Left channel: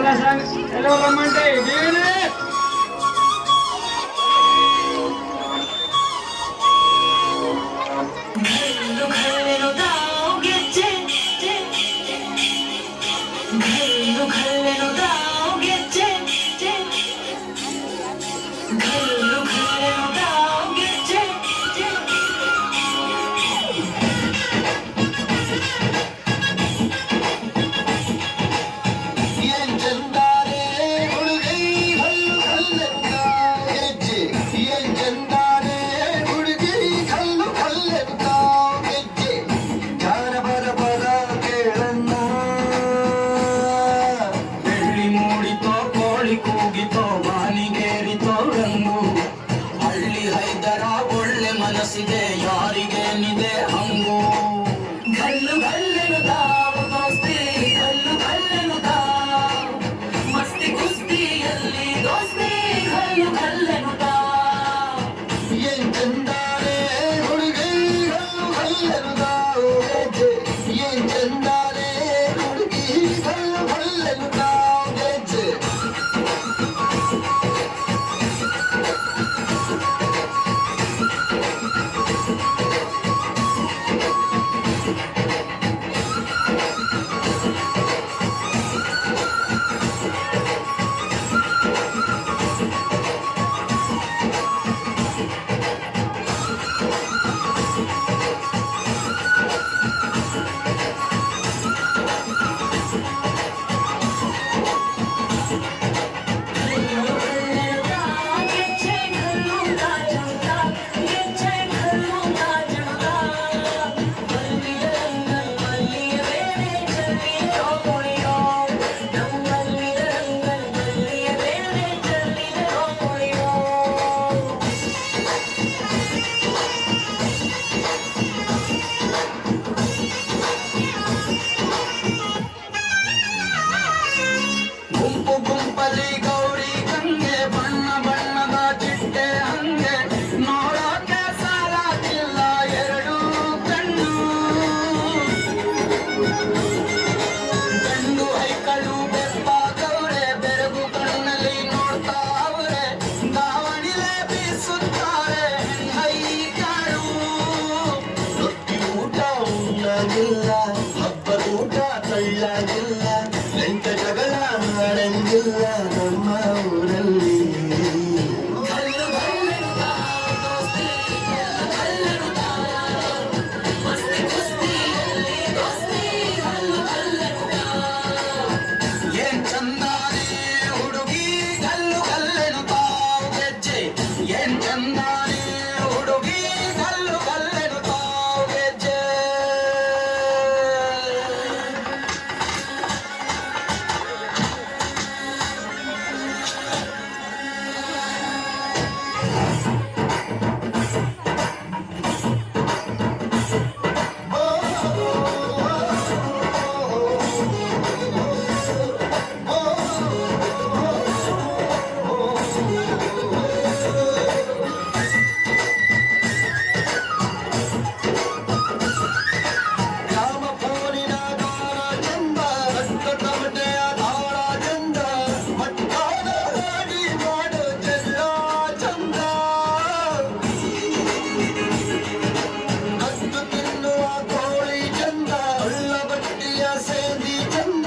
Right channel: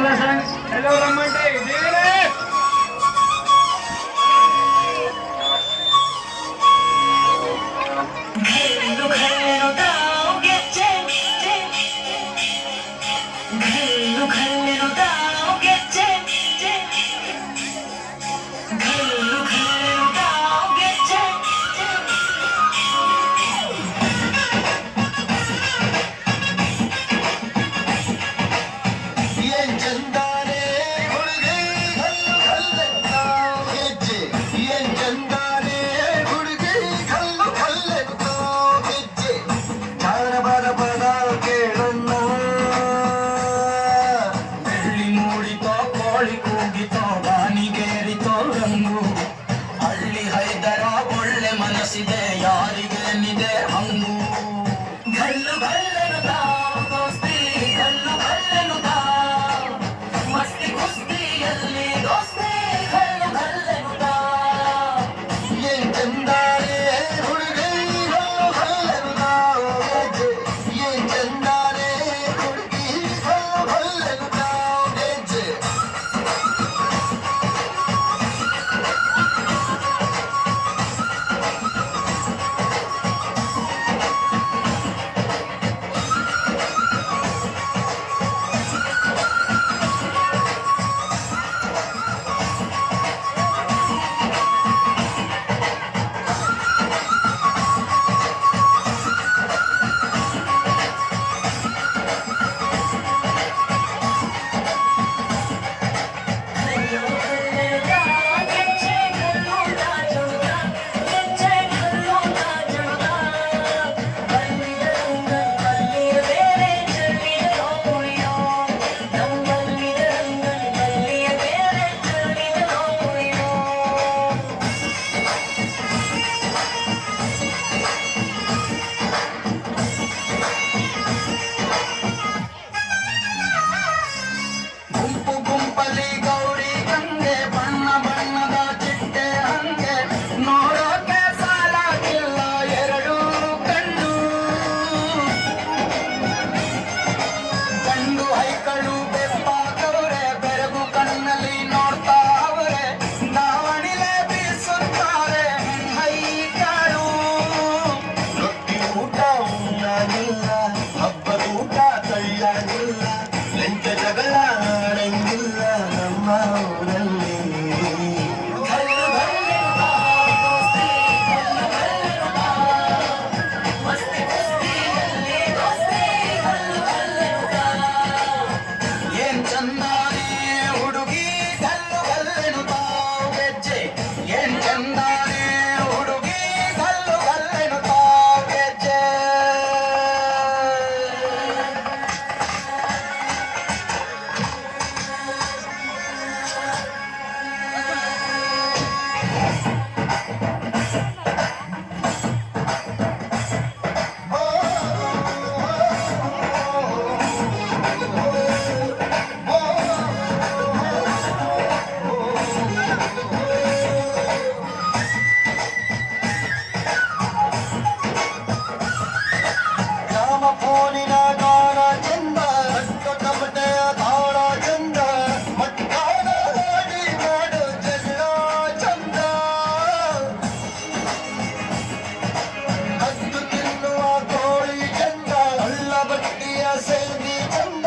ಎಲ್ಲರನ್ನ ಎಲ್ಲೋ ರಮ್ಮಂಟೆ ಜೀವನೇ ಮನಸ್ಸಿದೆ ಯಾರಿಗೇನಿದೆ ಹಂಗು ಗಲ್ಲು ಗಲ್ಲೆನುದ ದೋಸ್ತಿ ಗಲ್ಲು ಗಲ್ಲೆನುದ ಮಸ್ತಿ ಕುಸ್ತಿಯಲ್ಲಿ ದೋಸ್ತಿ ಗಲ್ಲು ಗಲ್ಲೆನುದ ಏನ್ ಚಂದಾರೆ ಹುಡುಗಿ ಗಲ್ಲು ಗಲ್ಲೆನುದ ಏನ್ ಚಂದಾರೆ ಹುಡುಗಿ ಗಲ್ಲು ಗಲ್ಲೆನುದ ಗುಂಪು ಗುಂಪಲಿ ಗೌರಿ ಗಂಗೆ ಬಣ್ಣ ಬಣ್ಣದ ಚಿಟ್ಟೆ ಹಂಗೆ ನೋಡೋಕೆ ಸಾಲಾಗಿಲ್ಲ ಎರಡು ಕಣ್ಣು ಗಂಡು ಹೈಕಳು ಬೆಪ್ಪಾಗವ್ರೆ ಬೆರಗು ಕಣ್ಣಲ್ಲಿ ನೋಡ್ತಾ ಅವರೆ ದಾವಣಿಲೆ ಬೀಸುತ್ತಾರೆ ಹೈಕಳು ರೊಟ್ಟಿ ಊಟ ಉಣ್ಣಾಗಿಲ್ಲ ಹಬ್ಬದ ಊಟ ತಳ್ಳಾಗಿಲ್ಲ ಎಂಟ ಜಗಳ ಆಡಂಗಿಲ್ಲ ನಮ್ಮ ಊರಲ್ಲಿ ಗಲ್ಲು ಗಲ್ಲೆನುದ ದೋಸ್ತಿ ಗಲ್ಲು ಗಲ್ಲೆನುದ ಮಸ್ತಿ ಕುಸ್ತಿಯಲ್ಲಿ ದೋಸ್ತಿ ಗಲ್ಲು ಗಲ್ಲೆನುದ ಏನ್ ಚಂದಾನೆ ಹುಡುಗಿ ಗಲ್ಲು ಗಲ್ಲೆನುದ ಗೆಜ್ಜೆ ಏನ್ ಚಂದಾನೆ ಹುಡುಗಿ ಗಲ್ಲು ಗಲ್ಲೆನುದ ಗೆಜ್ಜೆ ಗ್ರಾಮ ಫೋನಿನ ಗಾನ ಚಂದ ದೊಡ್ಡ ಬಟ್ಟೆಯ ತಾಳ ಚಂದ ಮಟ್ಟಾದ ಹಾಡಿ ಮಾಡೋ ಜಗಳ ಚಂದ ಹತ್ತು ತಿನ್ನುವ ಕೋಳಿ ಚಂದ ಹಳ್ಳ ಬಟ್ಟಿಯ ಸೇದಿ ಚಂದ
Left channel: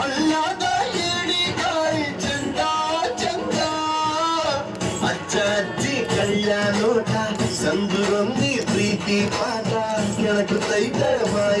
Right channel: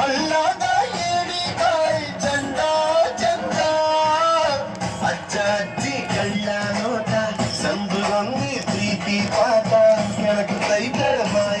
ಹಳ್ಳದ ಏಡಿಕಾಯಿ ಚಂದ ಚಂದ ಅಜ್ಜ ಅಜ್ಜಿ ಕಳ್ಳ ನೋಟ ಸಂದುರೊಂದಿ ಪ್ರೀತಿ ಪಾಠ ಕೆಳಕು ಕೈ ಕೆಳ ಮಾಯ